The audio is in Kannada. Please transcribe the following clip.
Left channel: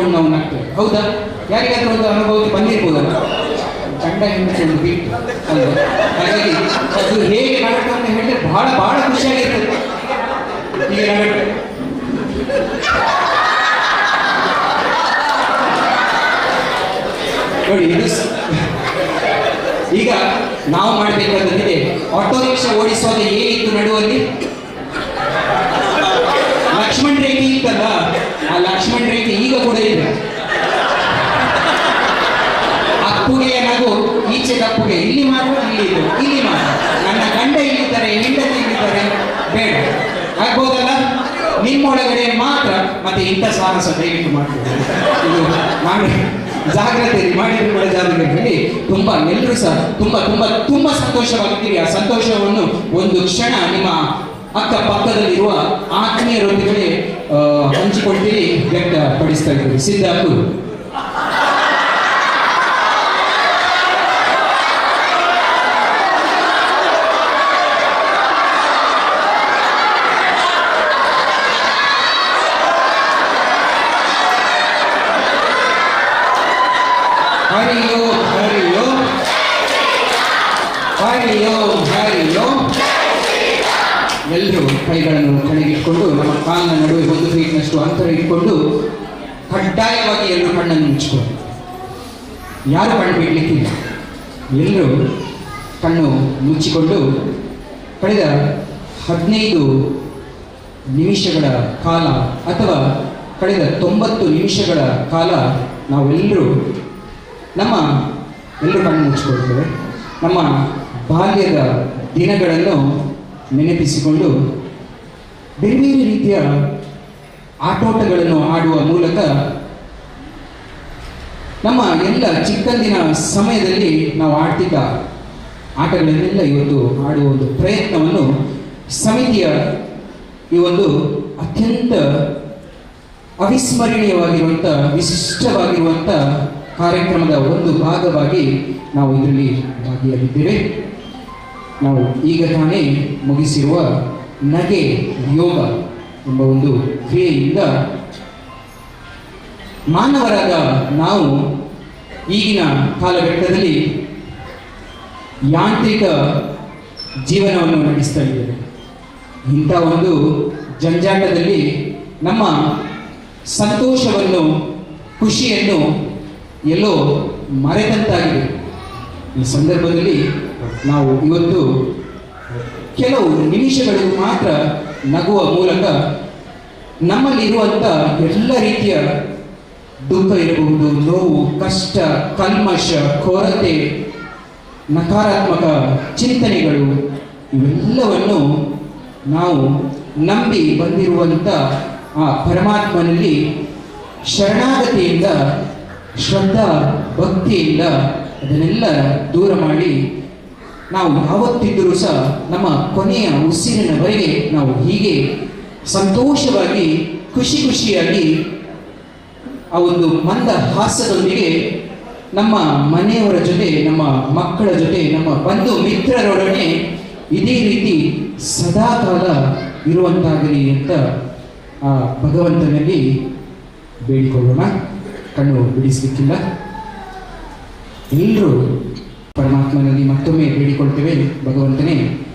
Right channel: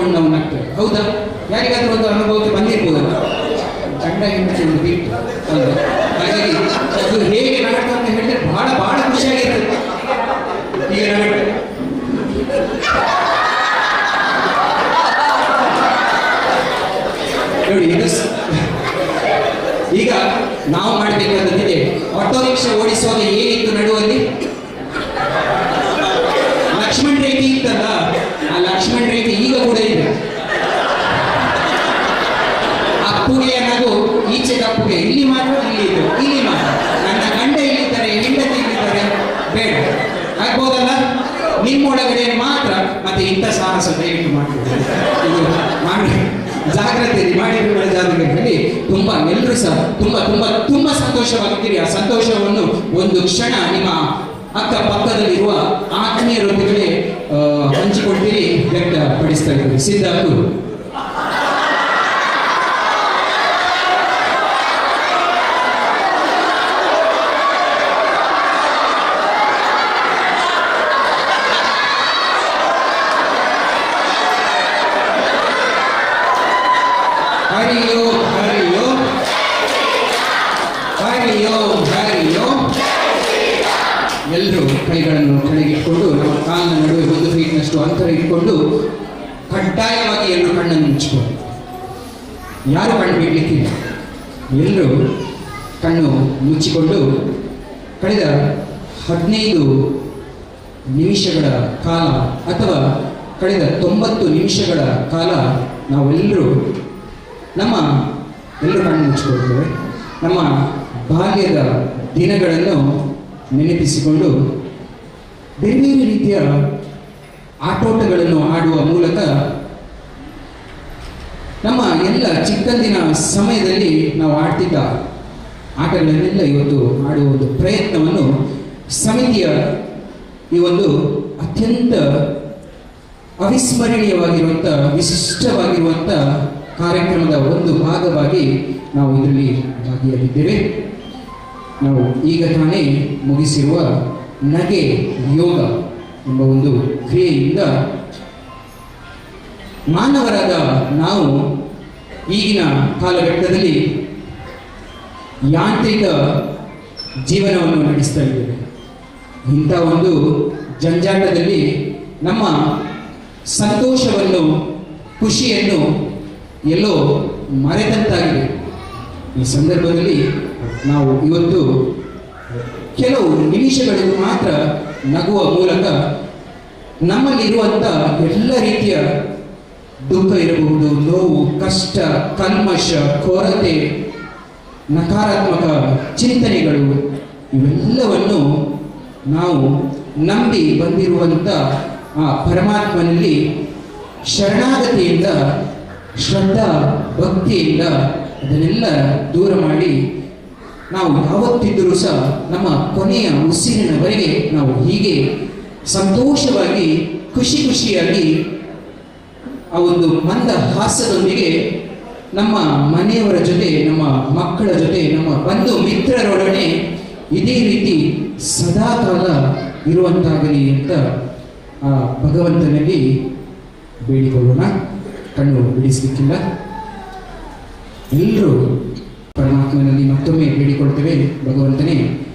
ಮಾಡ್ಕೊಂಡು ನಾವು ನಗ್ತೇವೆ ಹೌದಾ? ಯಾರಿಗಾದ್ರೂ ಒಂದು ಅನುಭವಕ್ಕೆ ಬಂದಿರ್ಬೋದಲ್ಲ? ಚಂಡ ಒಂದು ಬಿಟ್ಟು? ಹಾಗಾಗಿ ಅದು ಹೇಗೆ ನಾಟಕ ಅಂತ ಹೇಳಿದ್ರೆ ಬಹಳ ಬಹಳ ಖುಷಿಯಾಗಿರ್ತದೆ ನಾಟಕ ನೋಡಿ ಈಗ ನಾವು ಮಾಡಬೇಕಾದಂತಿದೆ ಆಟೋ ರಿಕ್ಷಾ ಓಡಿಸುವಾಗ ಏನಿತ್ತು ನಡುವಲ್ಲಿ? ಅಪ್ಪುಗೆ ಇಲ್ಲಿ ಮಾತ್ರ ಇಲ್ಲಿ ಇದು ಇಲ್ಲಿ ಮಾತ್ರ. ನನ್ನ ಗಂಡ ಇಲ್ಲಿದ್ದಾರೆ, ಹೆಂಡತಿ ಇಲ್ಲಿದ್ದಾರೆ, ಬೇಡ. ಆಗ್ಬೋದಲ್ಲ? ನಿಮ್ಮೊಳಗಡೆ ಮಾತ್ರ ಮತ್ತೆ ಇಂಥ ಸಾಹಸ ದಯವಿಟ್ಟು ಮಾಡ್ತಾರೆ ಇದು ಮಾಡಿ, ಜಾಗ್ರತೆ ಮಾಡಿರುವ ತುಂಬಾ ಎಲ್ಲರೂ ಸಹ ತುಂಬಾ ತುಂಬಾ ತುಂಬಾ ಸಂತೋಷವಾಗುತ್ತೀರಿ ಆ ಸಂತೋಷವನ್ನು ಒಂದು ಕ್ಷಣ ನಿಮ್ಮ ಅಕ್ಕ ಪಕ್ಕದಲ್ಲಿರುವ ಆತ್ಮೀಯರೊಂದಿಗೆ ಹಂಚಿಕೊಳ್ತೀರಿ, ವ್ಯಕ್ತಪಡಿಸ್ತಾ ಇದ್ದೀರಿ. ಸಿದ್ಧಾರ್ಥು ಹರಿಯೋ ಹರಿಯೋ ಹರಿಯೋ ಹರಿಯೋ ಎಲ್ಲರೂ ಕೈಗಳನ್ನು ಕೆಳಗಿಟ್ಕೊಂಡು ನಮ್ಮ ಕಾಲಿನ ನಡುವೆ ಒಂದು ಫೀಟ್ನಷ್ಟು ಅಂತರ ಇಟ್ಕೊಂಡು ಕಡ್ಡಾಯವಾಗಿ ಎಲ್ಲರೂ ಕಣ್ಣನ್ನು ಮುಚ್ಚಿಕೊಂಡು ಯಾರು ಕಣ್ಣು ಬಿಡ್ಲಿಕ್ಕಿಲ್ಲ ಎಲ್ಲರೂ ಕಣ್ಣು ಮುಚ್ಚಿಕೊಂಡು ಕಳೆದ ಹದಿನೈದು ನಿಮಿಷಗಳ ಕಾಲ ಅಥವಾ ಕಳೆದ ತೊಂಬತ್ತು ನಿಮಿಷಗಳ ಕಾಲ ನಾವೆಲ್ಲರೂ ನಮ್ಮ ಎಲ್ಲರೂ ಕಣ್ಣು ಮುಚ್ಚಿಕೊಳ್ತೇವೆ ನಮ್ಮ ಬಾಲ್ಯದ ದಿನಗಳನ್ನು ನೆನಪಿಸಿಕೊಂಡು ಬೇರೆ ಬೇರೆ ರೀತಿಯ ಆಟೋಟಗಳನ್ನು ಆಡುವ ಮೂಲಕ ನಮ್ಮ ಎಲ್ಲ ಚಿಕ್ಕಂದಿನ ಸಮಯದಲ್ಲಿ ನಾವು ಆಡ್ತಿದ್ದ ಆಟಗಳನ್ನೆಲ್ಲ ಇವತ್ತು ಆಡುವ ಒಂದು ಪ್ರಯತ್ನವನ್ನು ಸಮಿತಿಯ ಈ ಒಂದು ಅತ್ಯಂತ ಅವಿಸ್ಮರಣೀಯವಾಗಿರುವಂಥ, ವಿಶಿಷ್ಟವಾಗಿರುವಂಥ ಕಾರ್ಯಕ್ರಮದ ಒಂದು ಭಾಗವಾಗಿ ನಾವು ಇದರಲ್ಲಿ ಭಾಗಿಯಾಗಿದ್ದೇವೆ. ನಾವು ಈಗ ತಾನೇ ಮುಗಿಸಿರುವ ನಗೆ ಯೋಗ ಎಂಬ ಒಂದು ಕ್ರಿಯೆಯಿಂದ ಮಾನವರಾದ ನಾವು ಈಗಿನ ಕಾಲಘಟ್ಟದಲ್ಲಿ ಯಾಂತ್ರಿಕ ಜೀವನವನ್ನು ನಡೆಸ್ತಾ ಇದ್ದೇವೆ. ಇಂಥ ಒಂದು ಜಂಜಾಟದಲ್ಲಿ ನಮ್ಮ ಸಂತೋಷವನ್ನು, ಖುಷಿಯನ್ನು ಎಲ್ಲೋ ಮರೆತಂತಾಗಿದೆ. ಈ ಸಂದರ್ಭದಲ್ಲಿ ನಾವು ಇವತ್ತು ಕೆಲವು ನಿಮಿಷಗಳು ಮಾತ್ರ ನಗುವ ಮೂಲಕ ನಮ್ಮಲ್ಲಿರುವಂಥ ಎಲ್ಲ ರೀತಿಯ ದುಃಖ ಇರಬಹುದು, ನೋವು, ಕಷ್ಟ, ಕಲ್ಮಶ, ಕೊರತೆ, ನಕಾರಾತ್ಮಕ ಚಿಂತನೆಗಳು, ಇವೆಲ್ಲವನ್ನು ನಾವು ನಂಬಿ ಬಂದಿರುವಂಥ ಆ ಪರಮಾತ್ಮನಲ್ಲಿ ಶರಣಾಗತಿಯಿಂದ ಶ್ರದ್ಧಾ, ಭಕ್ತಿಯಿಂದ ಅದನ್ನೆಲ್ಲ ದೂರ ಮಾಡಿ ನಾವು ಯಾವತ್ತಿದ್ದರೂ ಸಹ ನಮ್ಮ ಕೊನೆಯ ಉಸಿರಿನವರೆಗೆ ನಾವು ಹೀಗೆ ಸಂತೋಷವಾಗಿ, ಖುಷಿ ಖುಷಿಯಾಗಿ ಆ ಒಂದು ಮಂದ ಹಾಸದೊಂದಿಗೆ ನಮ್ಮ ಮನೆಯವರ ಜೊತೆ, ನಮ್ಮ ಮಕ್ಕಳ ಜೊತೆ, ನಮ್ಮ ಬಂಧು ಮಿತ್ರರೊಡನೆ ಇದೇ ರೀತಿ ಸದಾಕಾಲ ಇರುವಂತಾಗಲಿ ಅಂತ ಆ ಭಗವಂತನಲ್ಲಿ ಬೇಡಿಕೊಳ್ಳೋಣ. ಕಣ್ಣು ಬಿಡಿಸಲಿಕ್ಕಿಲ್ಲ. ಎಲ್ಲರೂ ಪರಮಾತ್ಮನಲ್ಲಿ ಮತ್ತೊಮ್ಮೆ ಬೇಡಿಕೊಳ್ತೇವೆ ಭಗವಂತನೇ.